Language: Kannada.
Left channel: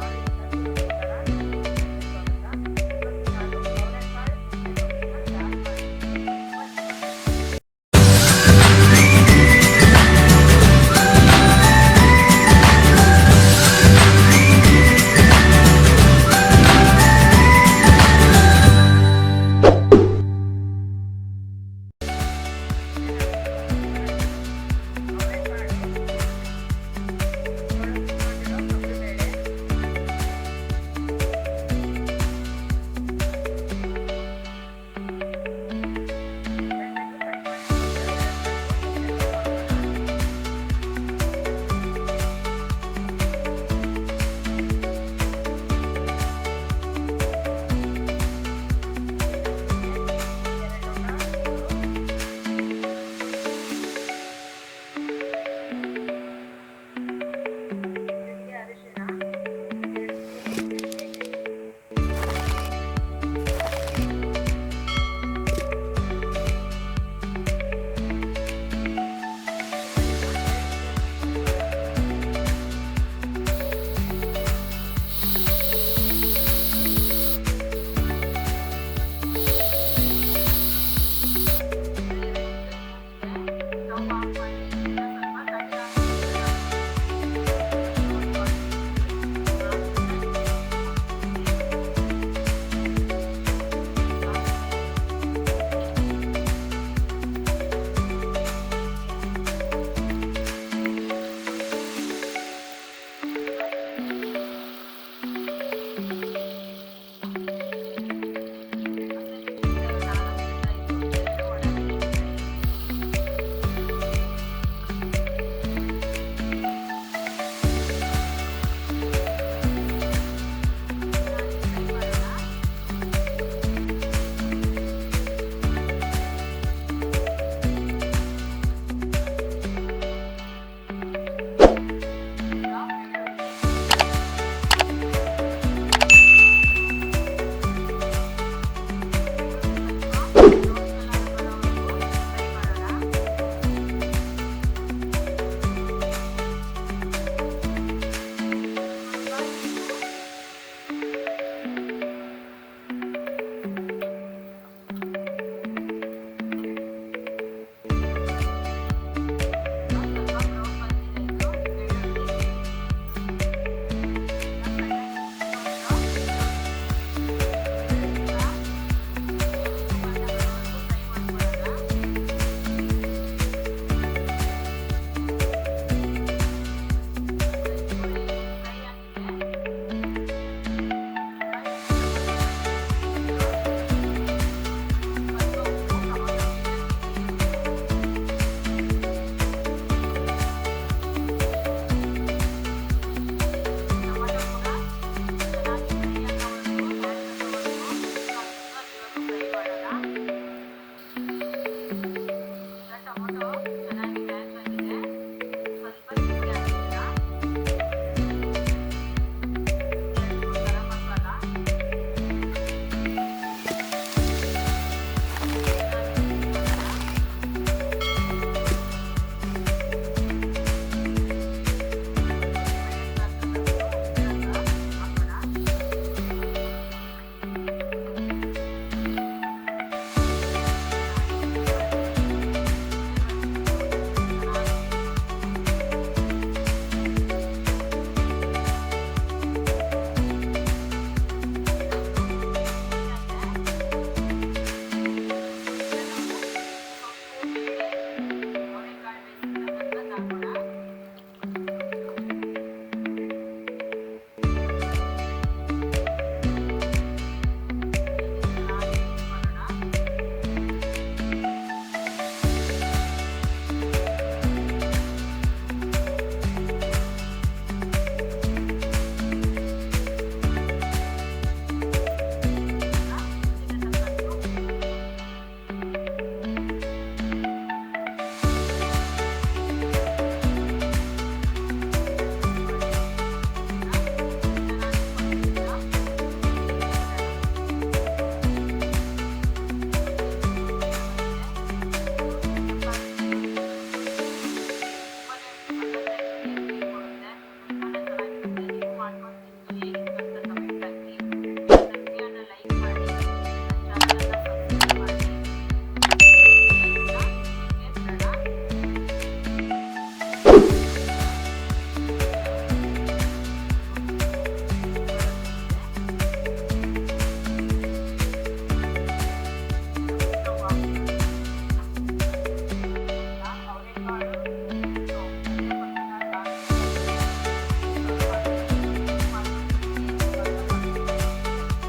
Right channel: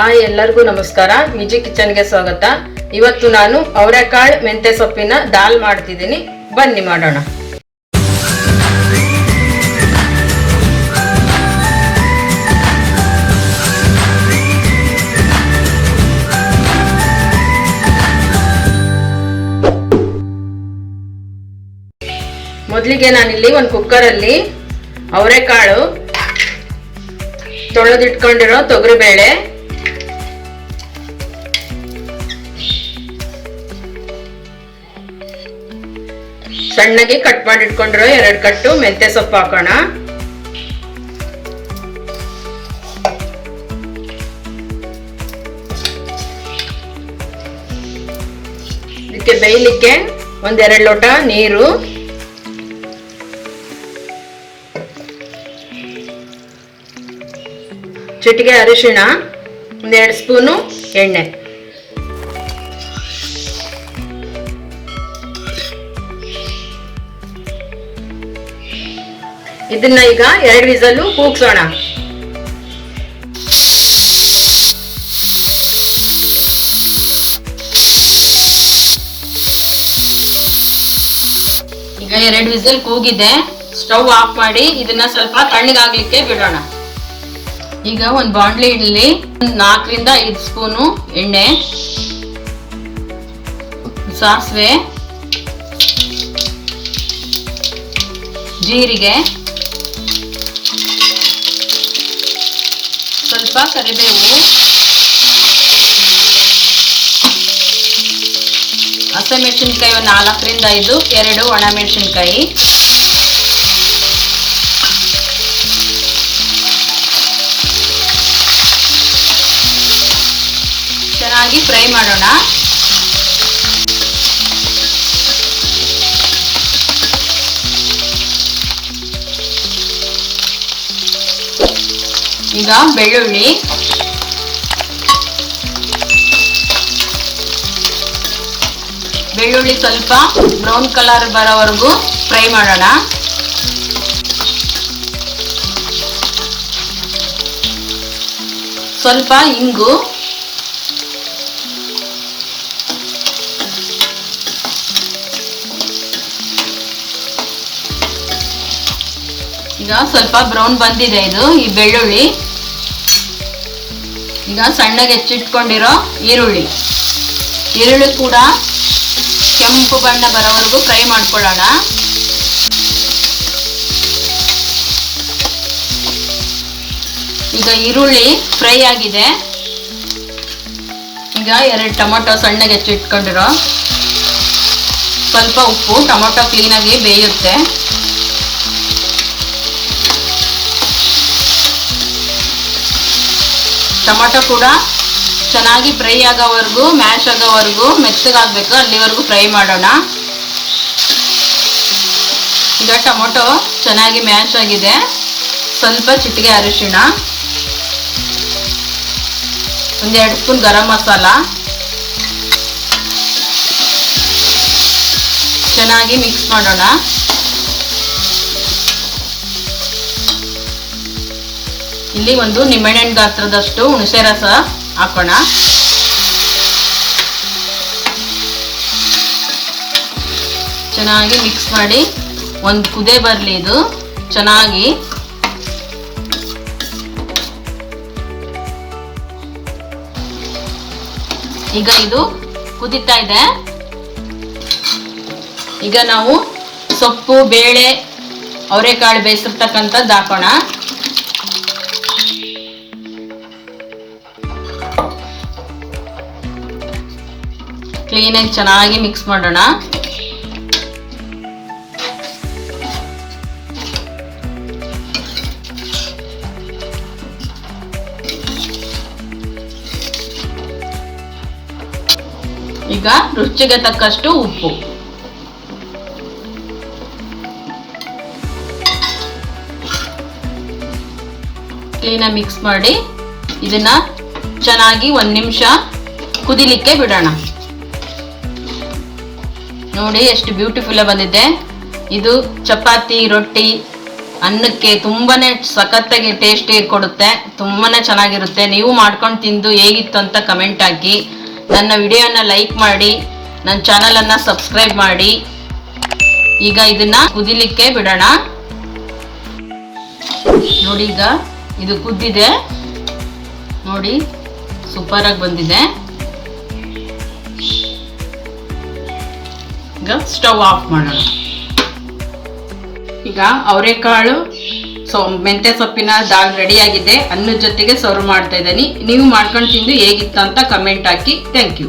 ಹಾಯ್ ಎಲ್ಲರಿಗೂ ನಮಸ್ಕಾರ. ಮಿಜಿ ಕಿಚನ್ಗೆ ಸ್ವಾಗತ. ಇವತ್ತು ನಾನು ಅವರೆಕಾಳು ಮೆಂತೆ ಸೊಪ್ಪಿನ ದಾಲ್ ಮಾಡ್ತಿದ್ದೀನಿ. ಬನ್ನಿ ಮಾಡೋಣ. ಮೊದಲಿಗೆ ನಾನಿಲ್ಲಿ ಒಂದು ಕುಕ್ಕರಲ್ಲಿ ಅವರೆಕಾಳು ತೊಳೆದಿಟ್ಕೊಂಡಿರೋ ತೊಗರಿಬೇಳೆ ಸಣ್ಣಗೆ ಕಟ್ ಮಾಡಿ ಇಟ್ಕೊಂಡಿರೋ, ಎರಡು ಕಟ್ಟು ಮೆಂತ್ಯ ಸೊಪ್ಪು ಹಾಕೋಣ. ಇದಕ್ಕೆ ಬೇಯಲಿಕ್ಕೆ ಒಂದೆರಡು ಲೋಟ ನೀರು. ಚಿಟಿಕೆ ಅರಿಶಿಣ, ಒಂದೆರಡು ಸ್ಪೂನು ಎಣ್ಣೆ. ಇದನ್ನ ಈಗ ಎರಡು ವಿಸಲು ಕೂಗ್ಸೋಣ. ಈಗ ಎರಡು ವಿಸಲ್ ಕೂಗಿದೆ. ಸ್ಟವ್ ಆಫ್ ಮಾಡಿ ಇದನ್ನ ಸ್ವಲ್ಪ ತಣ್ಣಗಾಗ್ಲಿಕ್ಕೆ ಬಿಡೋಣ. ಈಗ ಒಂದು ಬಾಂಡ್ಲಿ ಇಡ್ಲಿ ನಾಲ್ಕರಿಂದ ಐದು ಸ್ಪೂನು ಎಣ್ಣೆ ಸಾಸಿವೆ, ಜೀರಿಗೆ ಸ್ವಲ್ಪ ಕರಿಬೇವು ಹಸಿಮೆಣಸಿನ್ಕಾಯಿ ಒಂದು ನಾಲ್ಕರಿಂದ ಐದು ಎರಡು ಒಣಮೆಣಸಿನ್ಕಾಯಿ ಚೆನ್ನಾಗಿ ಫ್ರೈ ಮಾಡೋಣ. ಈಗ ಬೆಳ್ಳುಳ್ಳಿ ಬೆಳ್ಳುಳ್ಳಿ ಸ್ವಲ್ಪ ಬ್ರೌನ್ ಕಲರ್ ಬರೋವರೆಗೂ ಫ್ರೈ ಮಾಡೋಣ. ಸ್ವಲ್ಪ ಇಂಗು. ಈಗ ಸ್ವಲ್ಪ ಬ್ರೌನ್ ಬಂದಿದೆ ಇದು, ಈ ಬೆಳ್ಳುಳ್ಳಿ ಈಗ ಸಣ್ಣಗೆ ಹೆಚ್ಚಿಟ್ಕೊಂಡಿರೋ ಈರುಳ್ಳಿ. ಈರುಳ್ಳಿ ಕೂಡ ಕೆಂಪು ಬಣ್ಣ ಬರೋವರೆಗೂ ಫ್ರೈ ಮಾಡ್ಕೊಳ್ಳೋಣ. ಈಗ ಈರುಳ್ಳಿ ಫ್ರೈ ಆಗಿದೆ. ಈಗ ಎರಡು ಟೊಮೊಟೊ ಸಣ್ಣಗೆ ಹೆಚ್ಚಿಟ್ಕೊಂಡಿರೋ ಸ್ವಲ್ಪ ಉಪ್ಪು, ಟೊಮೊಟೊ ಕ್ಲೀನಾಗಿ ಬೇಯುತ್ತೆ. ಟೊಮೊಟೊ ಕೂಡ ಚೆನ್ನಾಗಿ ಫ್ರೈ ಆಗೋವರೆಗೂ, ಮ್ಯಾಶ್ ಆಗೋವರೆಗೂ ಮೆತ್ತಗಾಗಬೇಕು ಅಲ್ಲಿವರೆಗೂ ಫ್ರೈ ಮಾಡೋಣ. ಈಗ ಟೊಮೊಟೊ ಚೆನ್ನಾಗಿ ಮ್ಯಾಶ್ ಆಗಿದೆ. ಸ್ವಲ್ಪ ಚಿಟಿಕೆ ಅರಿಶಿಣ. ಒಂದೆರಡು ಸ್ಪೂನ್ ಗರಂ ಮಸಾಲ. ಚೆನ್ನಾಗಿ ಮಿಕ್ಸ್ ಮಾಡೋಣ. ಇಲ್ಲಿ ಒಂದು ನಿಂಬೆಹಣ್ಣು ಗಾತ್ರದಷ್ಟು ಹುಣಸೆ ರಸ ಹಾಕೋಣ. ಚೆನ್ನಾಗಿ ಮಿಕ್ಸ್ ಮಾಡಿ ಒಂದು ಕುದೆ ಬರಲಿ ಇದು. ಚೆನ್ನಾಗಿ. ಈಗ ಇದು ಕುದೀತಾ ಇದೆ. ಈಗ ನಾವು ಸೊಪ್ಪು, ಬೇಳೆ, ಅವರೆಕಾಳು ಬೇಯಿಸಿರ್ತಕ್ಕಂಥದ್ದು ಹಾಕೋಣ. ಕ್ಲೀನಾಗಿ ಚೆನ್ನಾಗಿ ಮಿಕ್ಸ್ ಮಾಡೋಣ. ಈಗ ರುಚಿಗೆ ತಕ್ಕಷ್ಟು ಉಪ್ಪು. ಕ್ಲೀನಾಗಿ ಮಿಕ್ಸ್ ಮಾಡಿ ಇದನ್ನ ಚೆನ್ನಾಗಿ ಒಂದು ನಿಮಿಷ ಕುದಿಲಿಕ್ಕೆ ಬಿಡೋಣ. ನೋಡಿ ಎಷ್ಟು ಬ್ಯೂಟಿಫುಲ್ ಬಂದಿದೆ. ಇದು ಚಪಾತಿ, ರೊಟ್ಟಿ, ಅನ್ನಕ್ಕೆ ತುಂಬಾನೇ ಸಖತ್ತಾಗಿ ಟೇಸ್ಟಿ ಕೊಡುತ್ತೆ. ತುಂಬಾನೇ ಚೆನ್ನಾಗಿರುತ್ತೆ. ನೀವು ಮಾಡ್ಕೊಂಡು ತಿಂದು ಹೇಗಿತ್ತು ಅಂತ ಕಮೆಂಟ್ ಹಾಕಿ. ನನ್ನ ವಿಡಿಯೋನ ಲೈಕ್ ಮಾಡಿ. ನನ್ನ ಚಾನಲನ್ನು ಸಬ್ಸ್ಕ್ರೈಬ್ ಮಾಡಿ. ಈಗ ಇದನ್ನ ಕುದಿಲಿಕ್ಕೆ ಬಿಡೋಣ. ನೋಡಿ ಈಗ ಇದು ಕುದ್ದಿದೆ. ನೋಡಿ ಸೂಪರ್ ಆಗಿ ಬಂದಿದೆ. ಈಗ ಸ್ಟವ್ ಆಫ್ ಮಾಡೋಣ. ಈಗ ಅವರೆಕಾಳು ಸೊ, ಮೆಂತ್ಯ ಸೊಪ್ಪಿನ ದಾಲ್ ರೆಡಿ ಆಗಿದೆ. ಅನ್ನದ ಜೊತೆಗೆ ಸರ್ವ್ ಮಾಡ್ತಾ ಇದ್ದೀನಿ. ನೀವು ಮಾಡ್ಕೊಂಡು ತಿಂದು ಹೇಗಿತ್ತು ಅಂತ ಕಮೆಂಟ್ ಹಾಕಿ. Thank you